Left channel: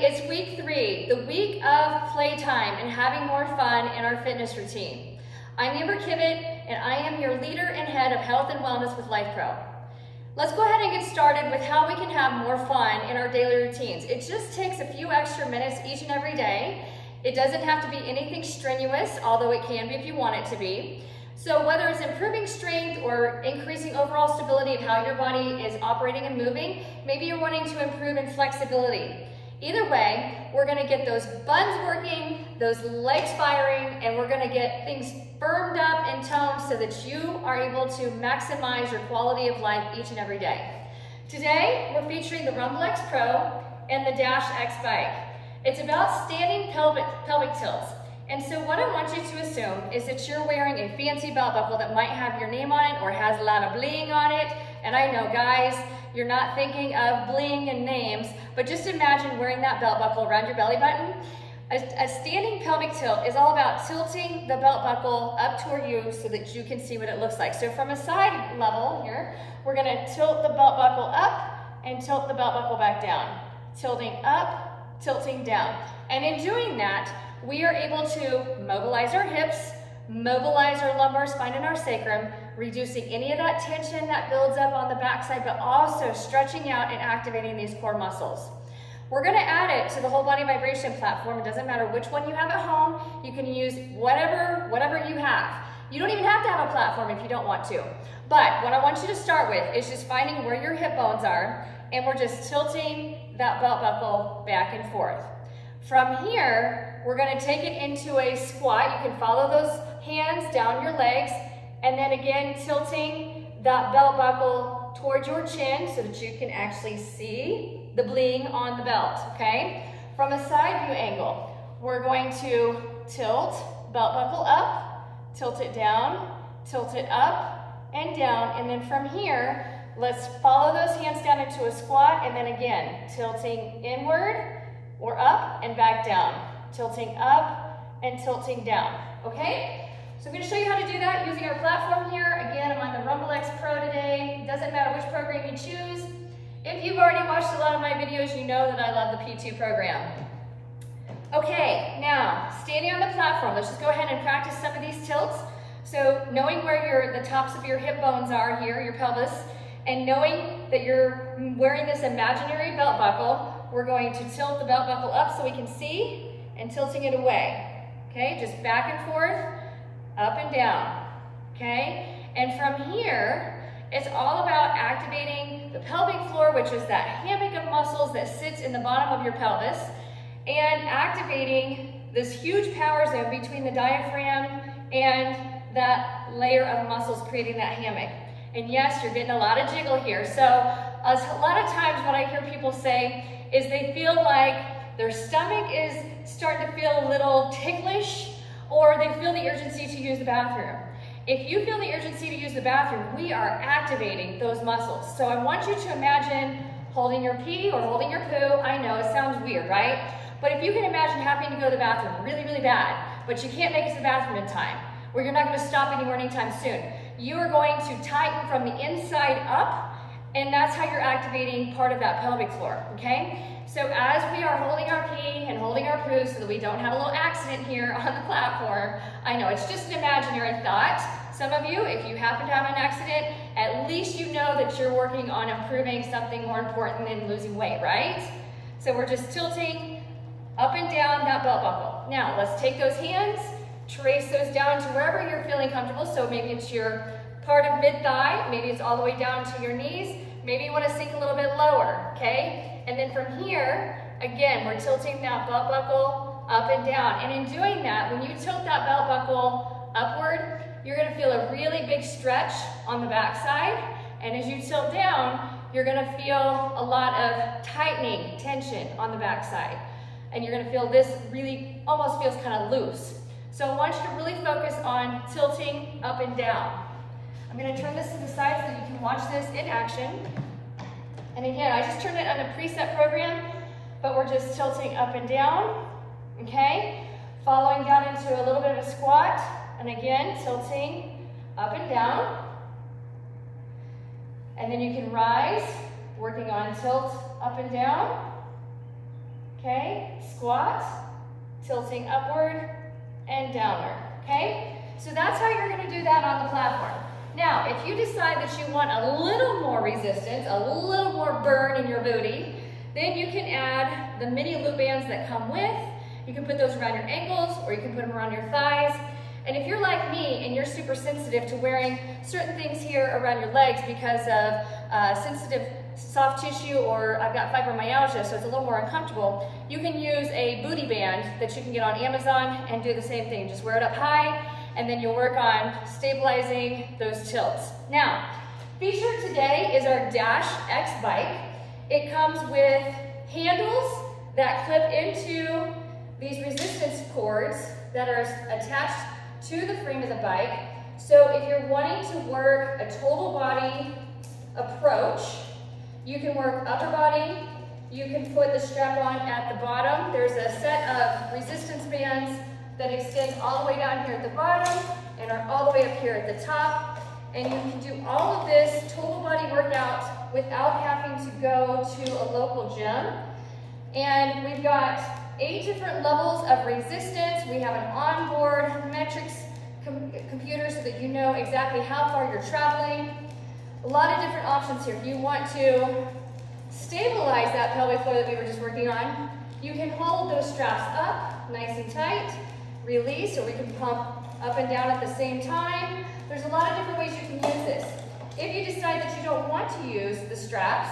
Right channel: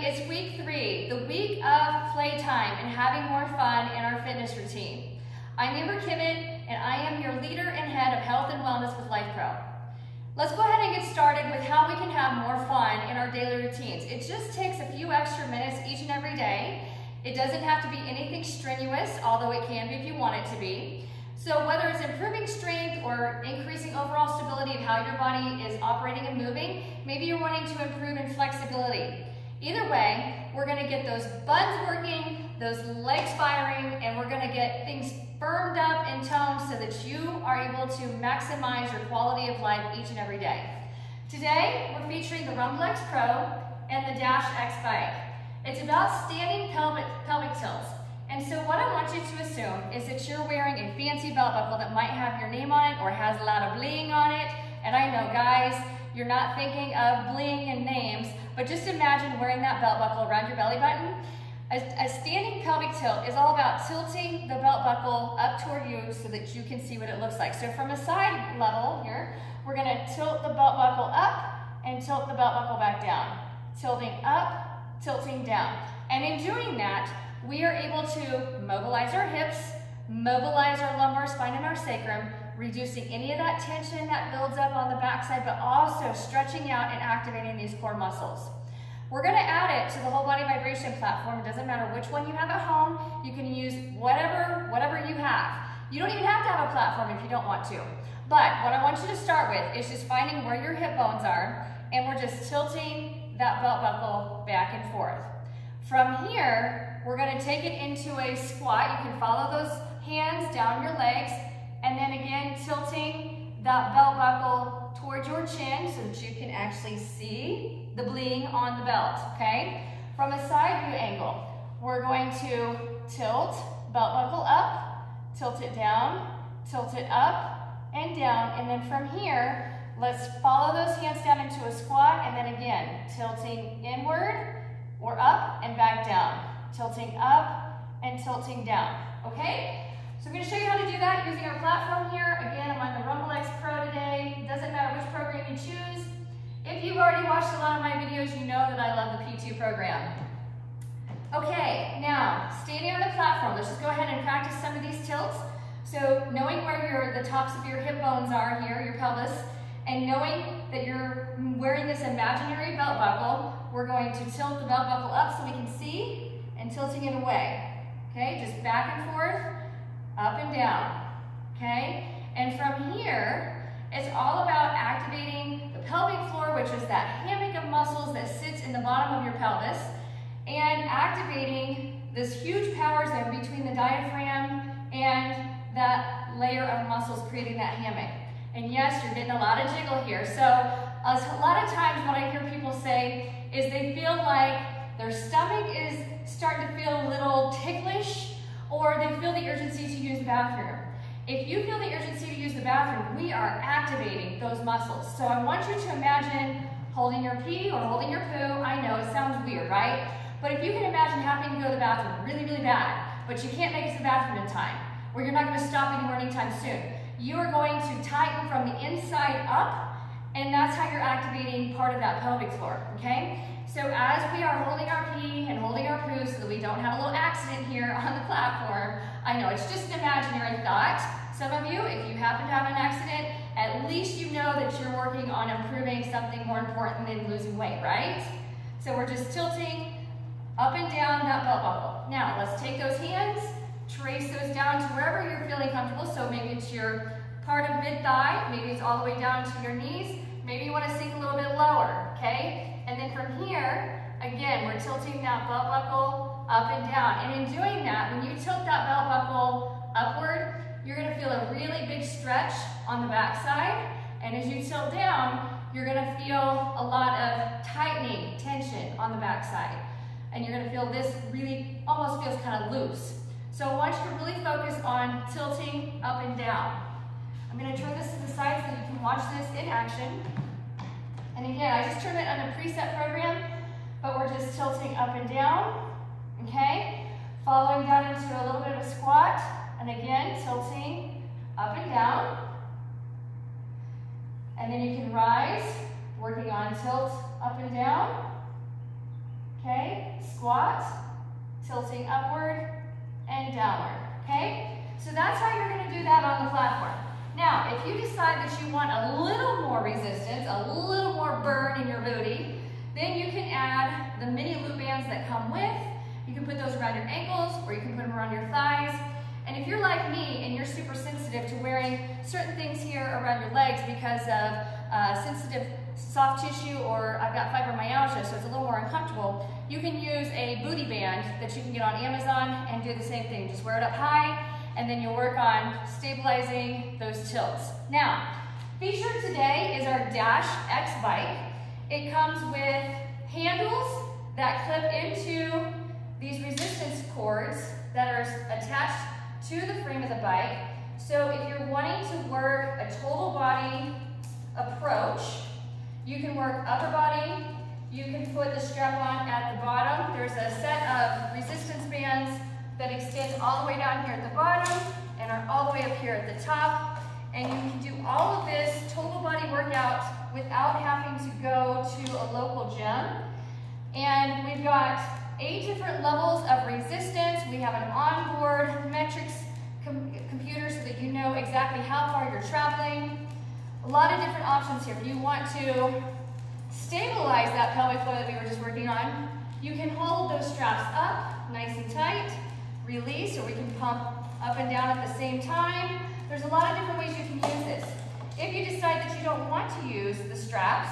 It's week 3, the week of playtime and having more fun in our fitness routine. I'm Amber Kivett, and I am your leader and head of health and wellness with Life Pro. Let's go ahead and get started with how we can have more fun in our daily routines. It just takes a few extra minutes each and every day. It doesn't have to be anything strenuous, although it can be if you want it to be. So whether it's improving strength or increasing overall stability of how your body is operating and moving, maybe you're wanting to improve in flexibility. Either way, we're gonna get those buns working, those legs firing, and we're gonna get things firmed up and toned so that you are able to maximize your quality of life each and every day. Today, we're featuring the Rumblex Pro and the Dash X bike. It's about standing pelvic tilts. And so what I want you to assume is that you're wearing a fancy belt buckle that might have your name on it or has a lot of bling on it. And I know, guys, you're not thinking of bling and names, but just imagine wearing that belt buckle around your belly button. A standing pelvic tilt is all about tilting the belt buckle up toward you so that you can see what it looks like. So from a side level here, we're gonna tilt the belt buckle up and tilt the belt buckle back down. Tilting up, tilting down. And in doing that, we are able to mobilize our hips, mobilize our lumbar spine and our sacrum, reducing any of that tension that builds up on the backside, but also stretching out and activating these core muscles. We're gonna add it to the whole body vibration platform. It doesn't matter which one you have at home. You can use whatever you have. You don't even have to have a platform if you don't want to. But what I want you to start with is just finding where your hip bones are, and we're just tilting that belt buckle back and forth. From here, we're gonna take it into a squat. You can follow those hands down your legs, and then again, tilting that belt buckle towards your chin so that you can actually see the bling on the belt, okay? From a side view angle, we're going to tilt belt buckle up, tilt it down, tilt it up and down, and then from here, let's follow those hands down into a squat, and then again, tilting inward or up and back down, tilting up and tilting down, okay? So I'm gonna show you how to do that using our platform here. Again, I'm on the Rumblex Pro today. It doesn't matter which program you choose. If you've already watched a lot of my videos, you know that I love the P2 program. Okay, now, standing on the platform, let's just go ahead and practice some of these tilts. So knowing where the tops of your hip bones are here, your pelvis, and knowing that you're wearing this imaginary belt buckle, we're going to tilt the belt buckle up so we can see, and tilting it away. Okay, just back and forth, up and down, okay? And from here, it's all about activating the pelvic floor, which is that hammock of muscles that sits in the bottom of your pelvis, and activating this huge power zone between the diaphragm and that layer of muscles creating that hammock. And yes, you're getting a lot of jiggle here. So a lot of times what I hear people say is they feel like their stomach is starting to feel a little ticklish, or they feel the urgency to use the bathroom. If you feel the urgency to use the bathroom, we are activating those muscles. So I want you to imagine holding your pee or holding your poo. I know it sounds weird, right? But if you can imagine having to go to the bathroom really, really bad, but you can't make it to the bathroom in time, or you're not gonna stop anywhere anytime soon, you are going to tighten from the inside up, and that's how you're activating part of that pelvic floor, okay? So as we are holding our pee and holding our poo so that we don't have a little accident here on the platform, I know it's just an imaginary thought. Some of you, if you happen to have an accident, at least you know that you're working on improving something more important than losing weight, right? So we're just tilting up and down that belt buckle. Now let's take those hands, trace those down to wherever you're feeling comfortable. So maybe it's your part of mid-thigh, maybe it's all the way down to your knees, maybe you want to sink a little bit lower, okay? And then from here, again, we're tilting that belt buckle up and down. And in doing that, when you tilt that belt buckle upward, you're gonna feel a really big stretch on the backside. And as you tilt down, you're gonna feel a lot of tightening, tension on the backside. And you're gonna feel this really almost feels kind of loose. So I want you to really focus on tilting up and down. I'm gonna turn this to the side so you can watch this in action. And again, I just turned it on a preset program, but we're just tilting up and down, okay? Following down into a little bit of a squat, and again, tilting up and down. And then you can rise, working on tilt up and down, okay? Squat, tilting upward and downward, okay? So that's how you're gonna do that on the platform. Now, if you decide that you want a little more resistance, a little more burn in your booty, then you can add the mini loop bands that come with. You can put those around your ankles or you can put them around your thighs. And if you're like me and you're super sensitive to wearing certain things here around your legs because of sensitive soft tissue, or I've got fibromyalgia, so it's a little more uncomfortable, you can use a booty band that you can get on Amazon and do the same thing. Just wear it up high and then you'll work on stabilizing those tilts. Now, featured today is our Dash X bike. It comes with handles that clip into these resistance cords that are attached to the frame of the bike. So if you're wanting to work a total body approach, you can work upper body, you can put the strap on at the bottom. There's a set of resistance bands that extend all the way down here at the bottom and are all the way up here at the top. And you can do all of this total body workout without having to go to a local gym. And we've got 8 different levels of resistance. We have an onboard metrics computer so that you know exactly how far you're traveling. A lot of different options here. If you want to stabilize that pelvic floor that we were just working on, you can hold those straps up nice and tight, release, or we can pump up and down at the same time. There's a lot of different ways you can use this. If you decide that you don't want to use the straps,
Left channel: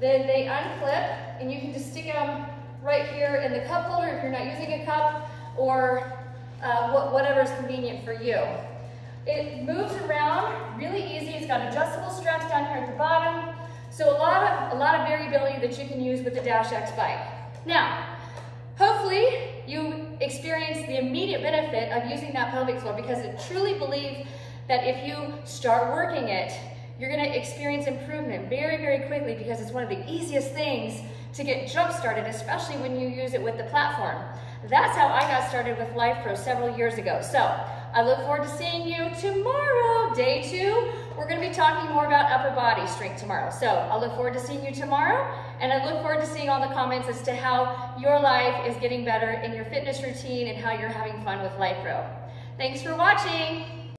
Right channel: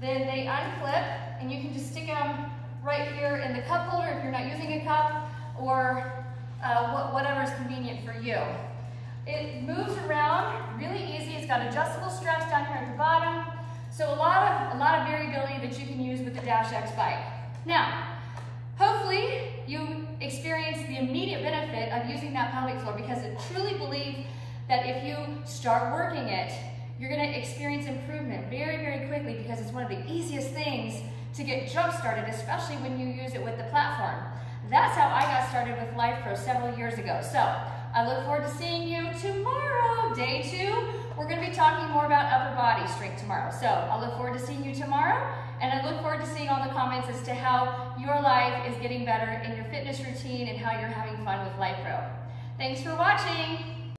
then they unclip and you can just stick them right here in the cup holder if you're not using a cup, or whatever's convenient for you. It moves around really easy. It's got adjustable straps down here at the bottom. So a lot of variability that you can use with the Dash X bike. Now, hopefully you experience the immediate benefit of using that pelvic floor, because I truly believe that if you start working it, you're gonna experience improvement very, very quickly, because it's one of the easiest things to get jump started, especially when you use it with the platform. That's how I got started with Life Pro several years ago. So I look forward to seeing you tomorrow, day 2. We're gonna be talking more about upper body strength tomorrow. So I look forward to seeing you tomorrow, and I look forward to seeing all the comments as to how your life is getting better in your fitness routine and how you're having fun with Life Pro. Thanks for watching.